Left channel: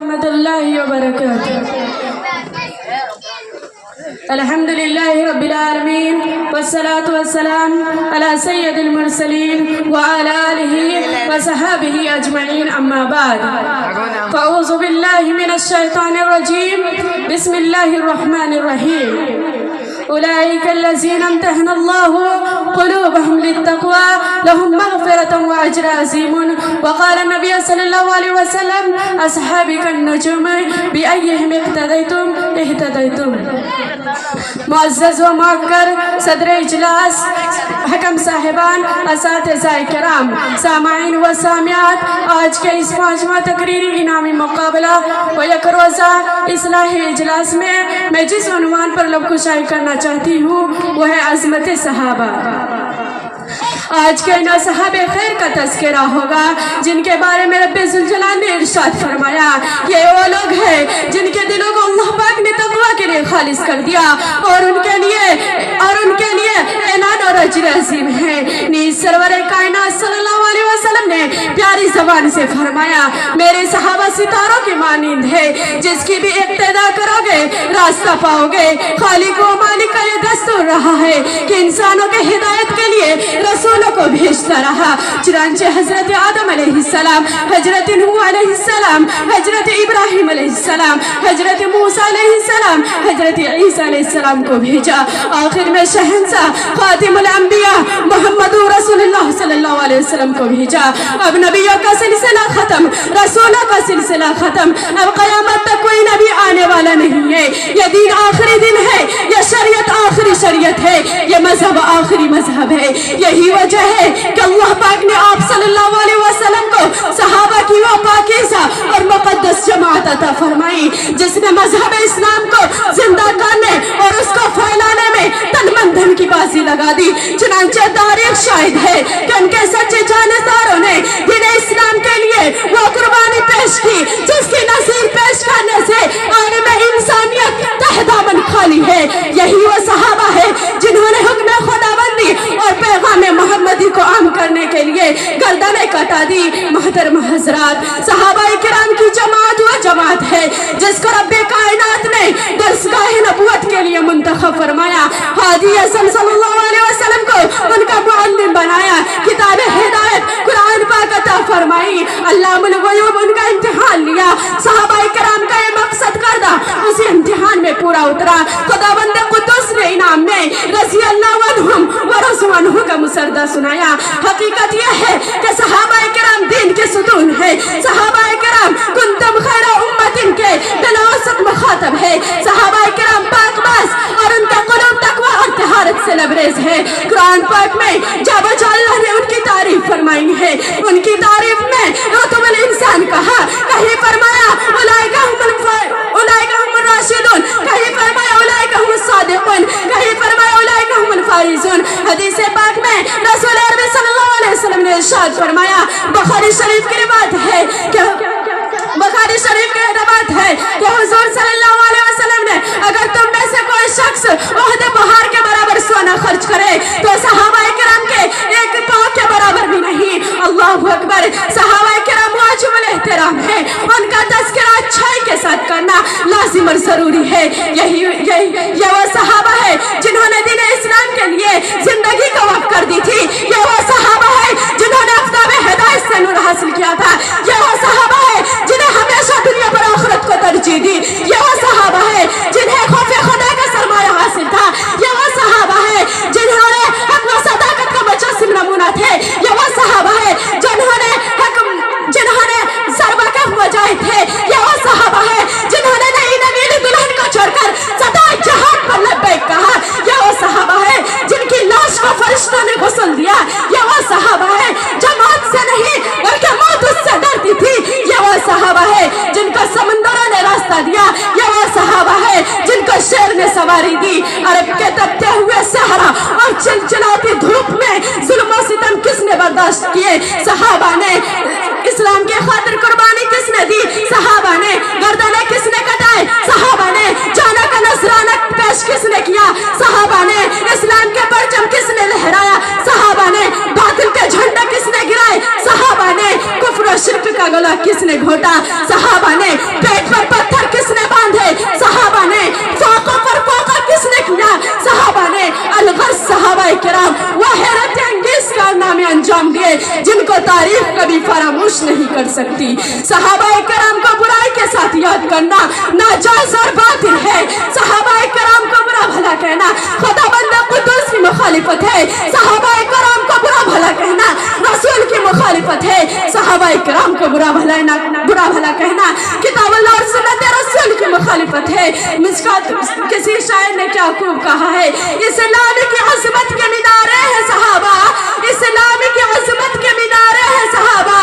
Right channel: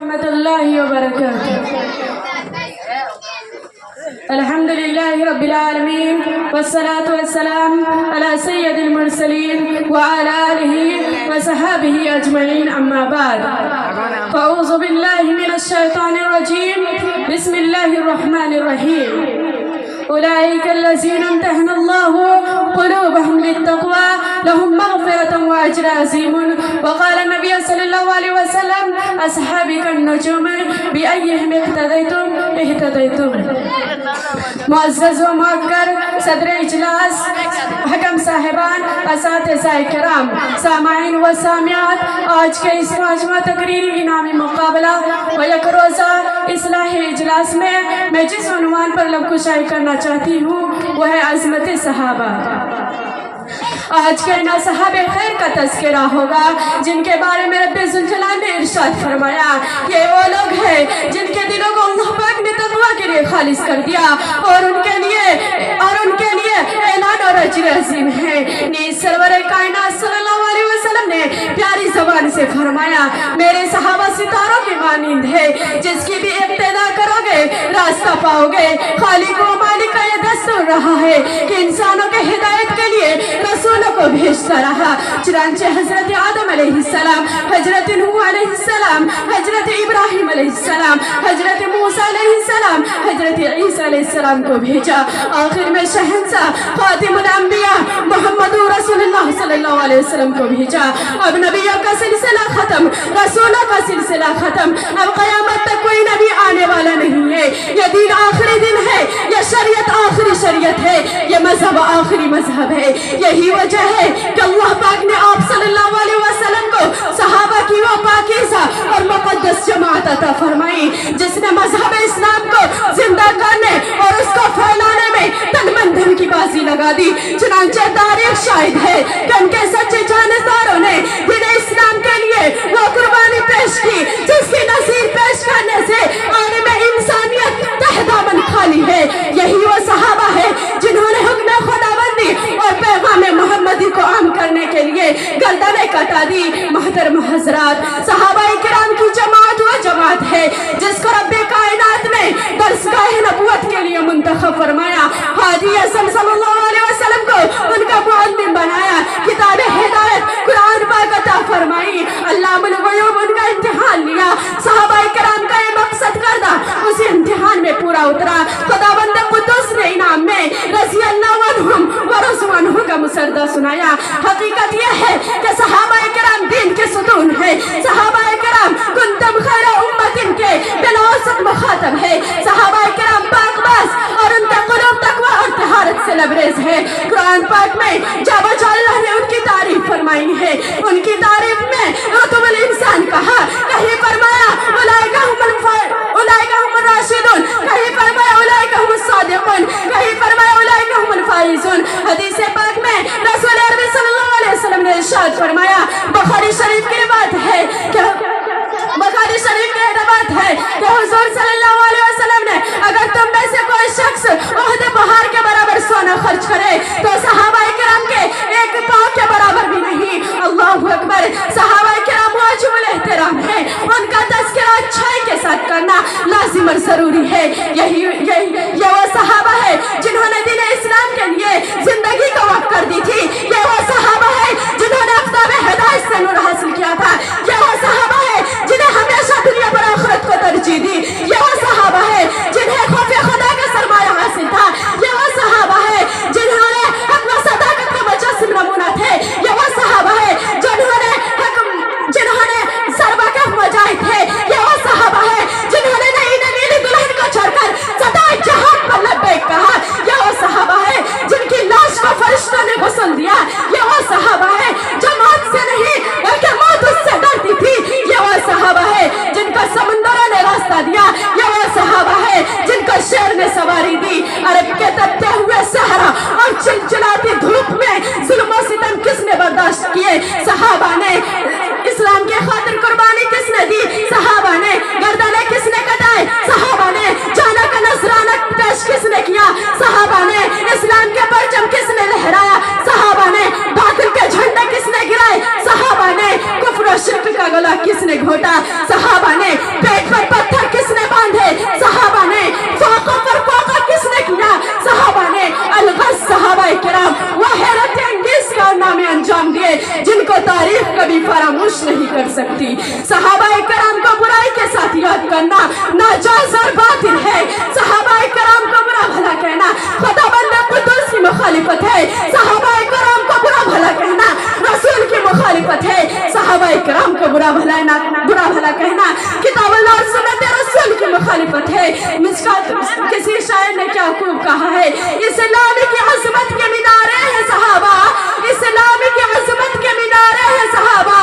ورحمة الله وبركاته. الحمد لله رب العالمين والصلاة والسلام على سيد المرسلين وعلى آله وصحابه أجمعين أما بعد فأعوذ بالله من الشيطان الرجيم بسم الله الرحمن الرحيم أولئك الذين امتحن الله قلوبهم للتقوى لهم مغفرة وأجر عظيم. وقال النبي صلى الله عليه وسلم أصحابي كالنجوم بأيهم اهتديتم اهتديتم. معزز و معکر صدر اجلاس، حکم صاحبان، اساتذہ کرام، سامعین و سامعات، آج کے اس پانچواں تقریری انعامی مقابلہ و یک روزہ اصلاحی اجلاس میں جس عنوان پر لب کشائی کرنا چاہتی ہوں وہ ہے عظمت صحابہ. آج کے نا صحابہ خیر کا تذکرہ ہوگا جن کے بارے میں رب ذوالجلال نے ارشاد فرمایا یہ وہ لوگ ہیں جن کے دلوں کو اللہ پاک نے تقویٰ کے لیے خالص کر دیا اور ان کے لیے اعلان اور اجر عظیم ہے. نیز سرور کائنات صلی اللہ علیہ وسلم نے پیاری زبان سے فرمایا میرے صحابہ ستاروں کی مانند ہے جس کی بھی اقتدا کرو گے راستہ پاؤ گے. خالق و مالک کا یہ دستور رہا ہے کہ انسانوں کے ہدایت کے لیے رسولوں کو بھیجتا رہا. چنانچہ حضرت آدم علیہ السلام، حضرت نوح علیہ السلام، حضرت ابراہیم علیہ السلام، حضرت موسیٰ علیہ السلام، حضرت عیسیٰ علیہ السلام کو بھیجا. آخر میں شہنشاہ خاتم الانبیاء محمد رسول اللہ صلی اللہ علیہ وسلم کو بھیجا. اب نبیوں کا سلسلہ ختم، رسولوں کا سلسلہ ختم. اب قیامت تک کوئی نبی آنے والا نہیں ہے. یہ دین آخری دن ہے، یہ شریعت آخری شریعت ہے، یہ مذہب آخری مذہب ہے. یہی وجہ ہے کہ اللہ پاک نے آپ صلی اللہ علیہ وسلم کو صحابہ کی وہ پاکیزہ اور مقدس جماعت عطا فرمائی جس نے مذہب اسلام کو زندہ کرنے اور اس کو پھیلانے میں تن من دھن کی بازی لگا دی. چنانچہ تاریخ شاہد ہے کہ ان کے سچے جانشداروں نے دین اسلام کے لیے وہ قربانی پیش کی جس کی نظیر پیش کرنے سے عالم انسانیت تہ دامن خالی ہے. یہی وہ صحابہ ہے جنہوں نے حکم خداوندی اور پیغام محمدی کو عام کرنے کے لیے گردنیں کٹا دی. محترم حضرات، صحابہ کرام کی جماعت وہ جماعت ہے جس کو رب کائنات نے درسگاہ نبوت کے لیے منتخب فرمایا. حاجی اعظم صلی اللہ علیہ وسلم کو ان کا معلم بنایا. کتاب ہدایت قرآن پاک عطا فرمائی. علام الغیوب ان کا امتحان لیا. صحابہ کرام کا یہ مقصد کردہ اسی امتحان میں پورا اترا. خداوند قدوس نے انعام میں رضی اللہ عنہم و رضوا عنہ کا مسردہ سنایا. حقیقت یہ ہے کہ صحابہ کرام دین کے ستون ہیں. صحابہ کرام کنتم خیر امت کے بلا وسط مخاطب ہے. صحابہ کرام پاک باز اور ان کا قلوب تقوی اور طہارت سے لبریز ہے. قرآن پاک میں جب اللہ نے ان کی تعریف فرمائی ہے ان کی تعریف میں رتب الانسان کہا، کہیں فرمایا اولئک هم الراشدون، کہیں فرمایا اولئک هم الصادقون، کہیں فرمایا اولئک هم الفائزون. حدیث پاک میں رسول عربی صلی اللہ علیہ وسلم نے ارشاد فرمایا، بخاری شریف کی روایت ہے کہ حضور صلی اللہ علیہ وسلم نے اگر تم میں سے کوئی شخص احد پہاڑ کے برابر سونا خرچ کرے تو صحابہ کرام کے ایک پاؤں کے برابر بھی نہیں. اللہ اکبر. صحابہ کرام واجب الاحترام ہے، ان کا تذکرہ اچھائی کے ساتھ کرنا لازم اور ضروری ہے. یہ وہ صحابہ ہے جنہوں نے دین اسلام کے لیے زندگی کو وقف کر دی تھی. یہ وہ صحابہ ہے جنہوں نے آفتاب ہدایت سے نور حاصل کیا تھا. یہ وہ صحابہ ہے جنہیں ہمیشہ دنیا پر آخرت کو ترجیح دی. یہ وہ صحابہ ہے جنہیں خوف خدا کا سرمایہ حاصل تھا. یہ وہ صحابہ ہے جنہوں نے حق و صداقت کا مجسم نمونہ تھے. یہ وہ صحابہ ہے جنہوں نے سربکف مجاہد تھے. یہ وہ صحابہ ہے جنہوں نے نئی نویلی دلہن کو چھوڑ کر صدائے جہاد پر لبیک کہا. یہ وہ صحابہ ہے جن کی لاش کو فرشتوں نے غسل دیا. یہ وہ صحابہ ہے جو موت سے نہیں بلکہ موت اس سے صحابہ کرام کو برائی کے ساتھ یاد کرنا ناجائز اور باطل ہے. صحابہ کرام کو برا بھلا کہنا خدا بندہ قدوس کی مخالفت ہے. صحابہ کرام کو برا بھلا کہنا رسول کی مخالفت ہے. صحابہ کرام کو برا بھلا کہنا کتاب اللہ اور سنت رسول کی مخالفت ہے. مشکات کسی شاعر نے کیا خوب کہا ہے, اسلام کی عظمت کے مینارے ہیں صحابہ, اسلام کی عظمت کے مینارے ہیں صحابہ,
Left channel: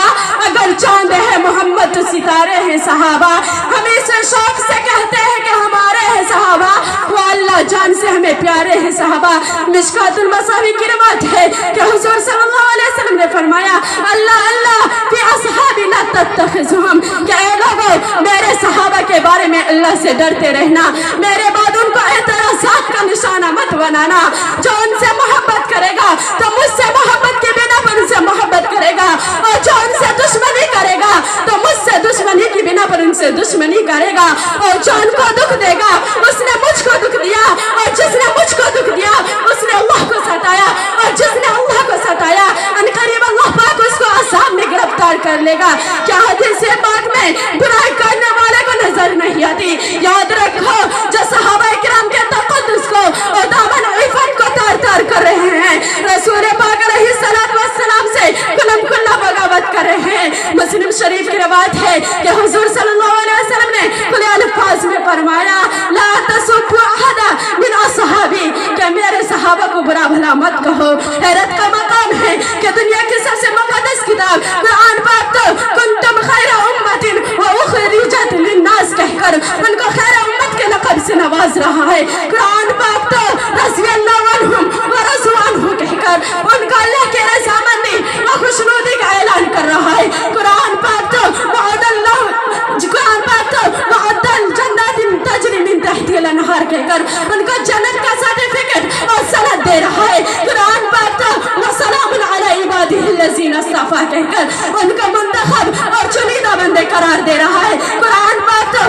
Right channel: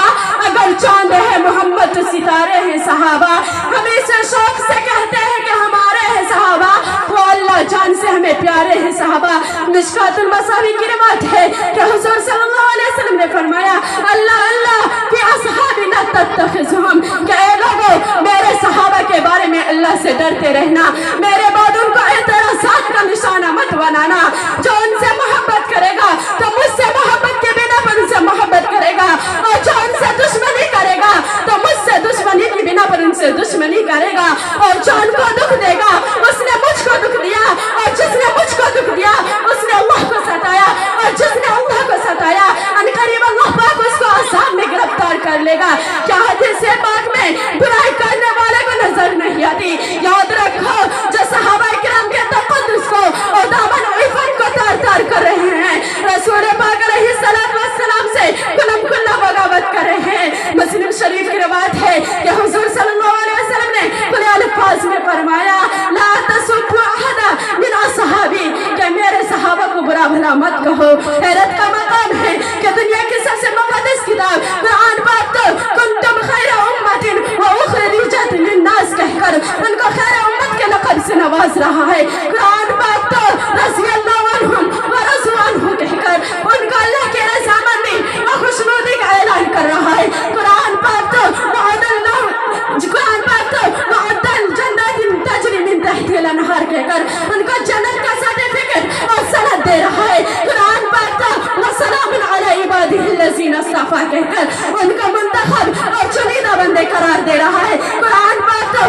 اگر چاند ہے محمد تو ستارے ہیں صحابہ. ہم اسے شوق سے کہتے ہیں کہ ہمارے ہیں صحابہ, وہ اللہ جان سے ہمیں پیارے ہیں صحابہ. مشکات المصابیح کی روایت ہے کہ حضور صلی اللہ علیہ وسلم نے فرمایا اللہ اللہ فی اصحابی لا تتخذهم, کہ اے لوگو میرے صحابہ کے بارے میں اللہ سے ڈرتے رہنا, میرے بعد ان کو اعتراضات کا نشانہ مت بنانا. جو ان سے محبت کرے گا تو مجھ سے محبت کے بنا پر ان سے محبت کرے گا, اور جو ان سے دشمنی کرے گا تو مجھ سے دشمنی کی بنا پر ان سے دشمنی کرے گا. اور جو ان کو دکھ دے گا اس نے مجھ کو دکھ دیا, اور جس نے مجھ کو دکھ دیا اس نے اللہ کو ستایا, اور جس نے اللہ کو ستایا ان قریب اللہ پاک اس کو عذاب میں گرفتار کر لے گا. کیا حدیث پاک میں برائی کرنے والے کو نظر نہیں آتی؟ یاد رکھو جو صحابہ کرام کے تقدس کو اور دامن عفت کو تار تار کر رہے ہیں, رسول پاک علیہ السلام سے کلم کلا بغاوت کر رہے ہیں. مسلم شریف کی روایت ہے کہ حضور صلی اللہ علیہ وسلم نے کھلے الفاظ میں فرمایا لا تسبوا احد من اصحابی, کہ میرے صحابہ کو برا بھلا مت کہو. حیرت کا مقام ہے کہ دنیا کی سب سے مقدس کتاب قرآن پاک تو کنتم خیر امت واخرجت للناس کہہ کر ان کو خیر امت کے لقب سے نواز رہا ہے. قرآن پاک تو رضی اللہ عنہم ورضوا عنہ کہہ کر ان کا اللہ کی رضامندی اور خوشنودی کا اعلان کر رہا ہے. قرآن پاک تو جنات تجری من تحتها الانہار کہہ کر ان کو جنت کا سرٹیفکیٹ اور سند دے رہا ہے. قرآن پاک تو وسلام علی عبادہ الذین اصطفی کہہ کر ان کو منتخب اور چنیدہ بندے قرار دے رہا ہے. قرآن پاک تو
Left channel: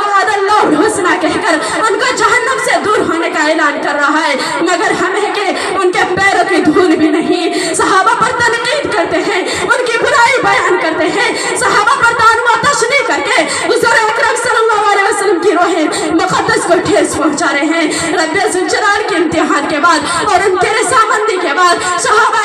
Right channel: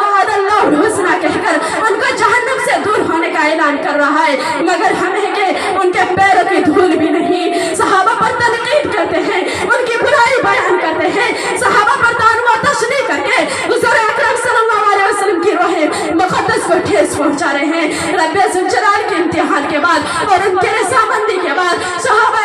وعد اللہ الحسنی کہہ کر ان کو جہنم سے دور ہونے کا اعلان کر رہا ہے. مگر ہمیں کہ ان کے پیروں کی دھول بھی نہیں, صحابہ پر تنقید کرتے ہیں, ان کی برائی بیان کرتے ہیں, صحابہ پر طعن و تشنیع کر کے حضور اکرم صلی اللہ علیہ وسلم کی روح مقدس کو ٹھیس پہنچا رہے ہیں. رب ذوالجلال کے امتحان کے بعد اور ان کے رضامندی کے بعد صحابہ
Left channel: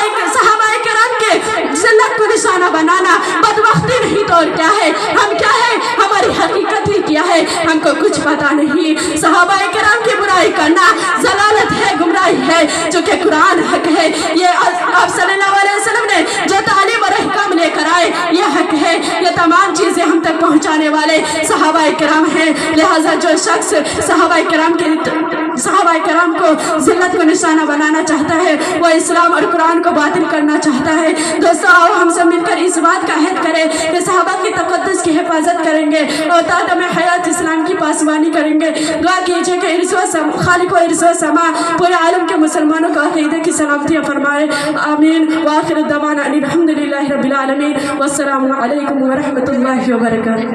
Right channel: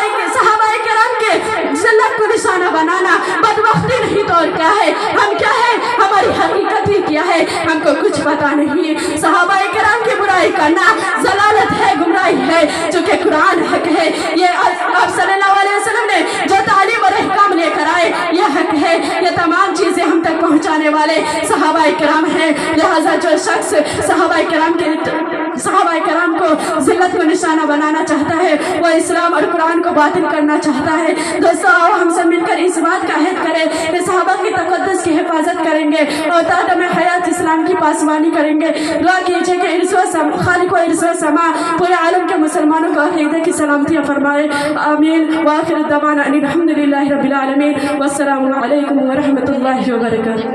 کرام کے ذلت کو نشانہ بنانا بدبختی نہیں تو اور کیا ہے؟ ہم کیا ہے؟ ہماری حقیقت ہی کیا ہے ہم کو کچھ پتا نہیں. صحابہ کرام کی برائی کرنا ضلالت ہے, گمراہی ہے, جو کہ قرآن حق ہے. یہ آپ صلی اللہ علیہ وسلم نے جو تعلیم اور احکام لے کر آئے یہ حق ہے. یہ تمام چیزیں ہم تک پہنچانے والے صحابہ کرام ہیں. لہٰذا جو شخص صحابہ کرام کو ذلت کو نشانہ بنانا چاہتا ہے وہ اسلام اور قرآن کو باطل کرنا چاہتا ہے. دوستو آؤ ہم سب مل کر اس بات کا عہد کریں کہ صحابہ کی تقدس کی حفاظت کریں گے اور تادم حیات اسلام کی پاسبانی کریں گے. دعا کیجئے کہ خالق و ارث و سما پورے عالم کے مسلمانوں کو عقیدے کی سلامتی فرمائے. آمین. وآخر دعوانا ان الحمد للہ رب العالمین. والسلام علیکم ورحمۃ اللہ وبرکاتہ.